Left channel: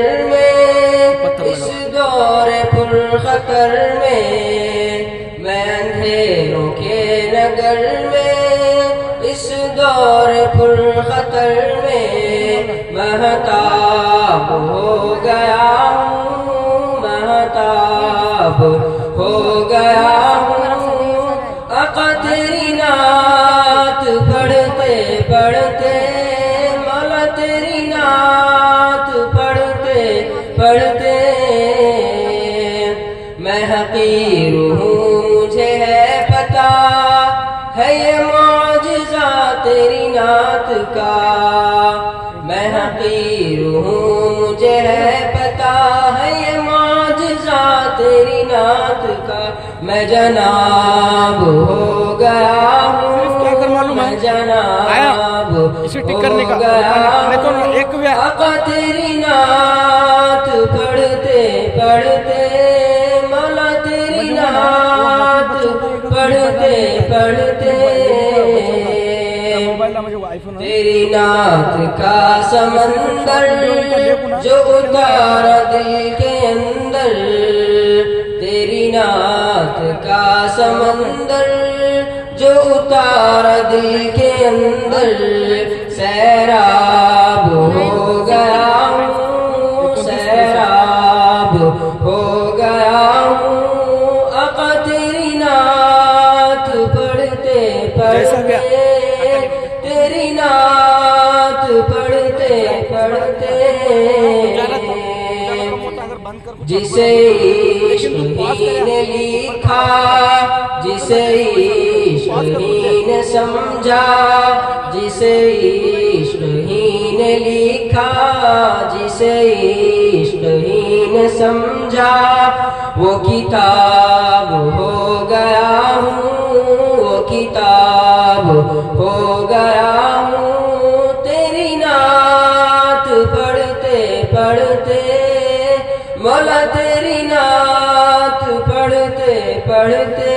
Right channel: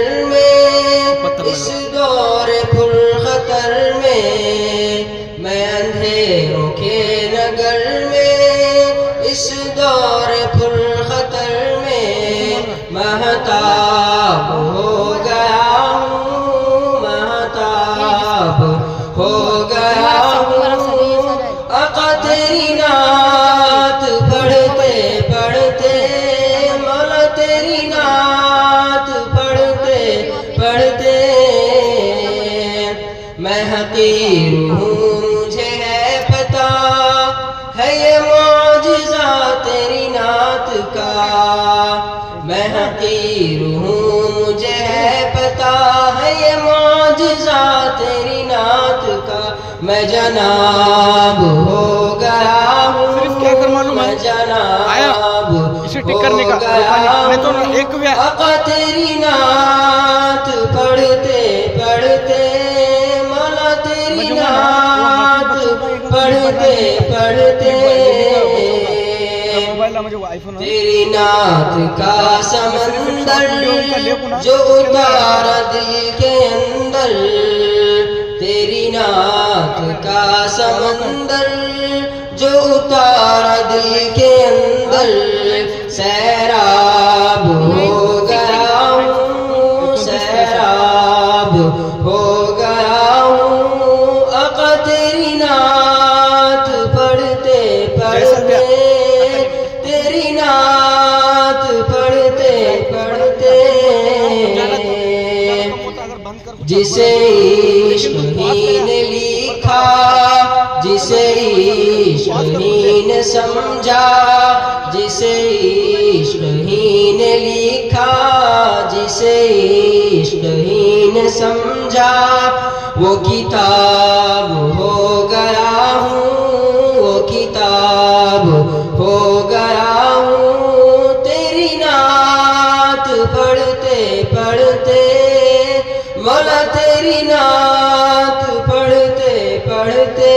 नगर में, इस दौर पुर खतर में, मैं अंधेरों के नगर में, इस दौर पुर खतर में महताब हो गया हूँ, महताब हो गया हूँ। आका तेरी नात पढ़ते पढ़ते, मौला तेरी नात पढ़ते पढ़ते, मैं हकीर हूँ मुझे है पता, है ये मौजिज़ा तेरी नात का। मैं हकीर हूँ मुझे है पता, है ये मौजिज़ा तेरी नात का। मैं जनाब हो गया हूँ, क्या कर मालूम है, मैं जनाब आया इसे टिक करने का नहीं तो ना एक भी आका तेरी नात पढ़ते पढ़ते, मौला तेरी नात पढ़ते पढ़ते, मोबाइल मुझे आईफोन तेरी नात का समंदर जो उतारा दिल के अंदर, तेरी नात का समंदर जो उतारा दिल के अंदर, सैराब हो गया हूँ, सैराब हो गया हूँ। आका तेरी नात पढ़ते पढ़ते, तेरी नात पढ़ते पढ़ते, जिसे इश्क ही ने लिखा, जिसे इश्क ही ने समझा, जिसे इश्क ही ने लिखा, जिसे इश्क ही ने समझा, वो किताब हो गया हूँ, वो किताब हो गया हूँ। तेरी नात पढ़ते पढ़ते, मौला तेरी नात पढ़ते पढ़ते,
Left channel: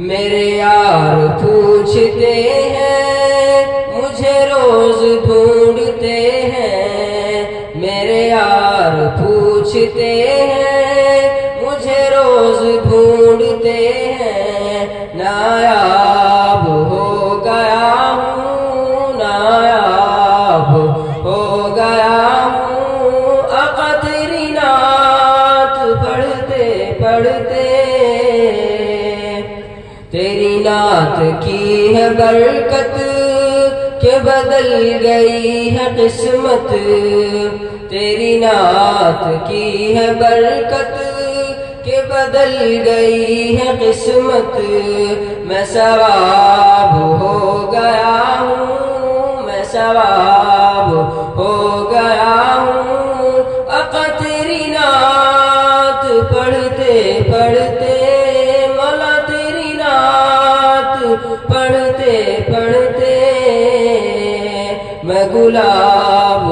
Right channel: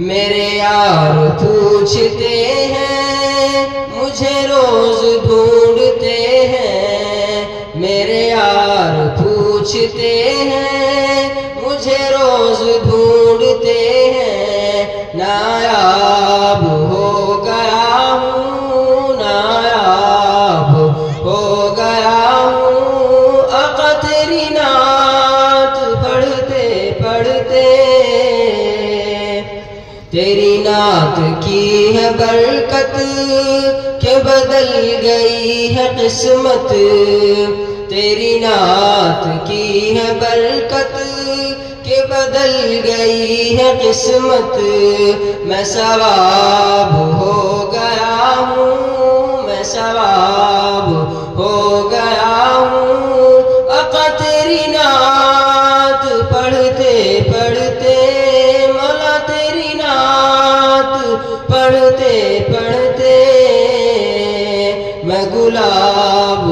मेरे यार पूछते हैं मुझे रोज ढूंढते हैं, मेरे यार पूछते हैं मुझे रोज ढूंढते हैं। नायाब हो गया हूँ, नायाब हो गया हूँ। आका तेरी नात पढ़ते पढ़ते, तेरी नात की है बरकत के बदल गई है किस्मत, तेरी नात की है बरकत के बदल गई है किस्मत। मैं सवाब हो गया हूँ, मैं सवाब हो गया हूँ। आका तेरी नात पढ़ते पढ़ते, मौला तेरी नात पढ़ते पढ़ते, मैं गुलाब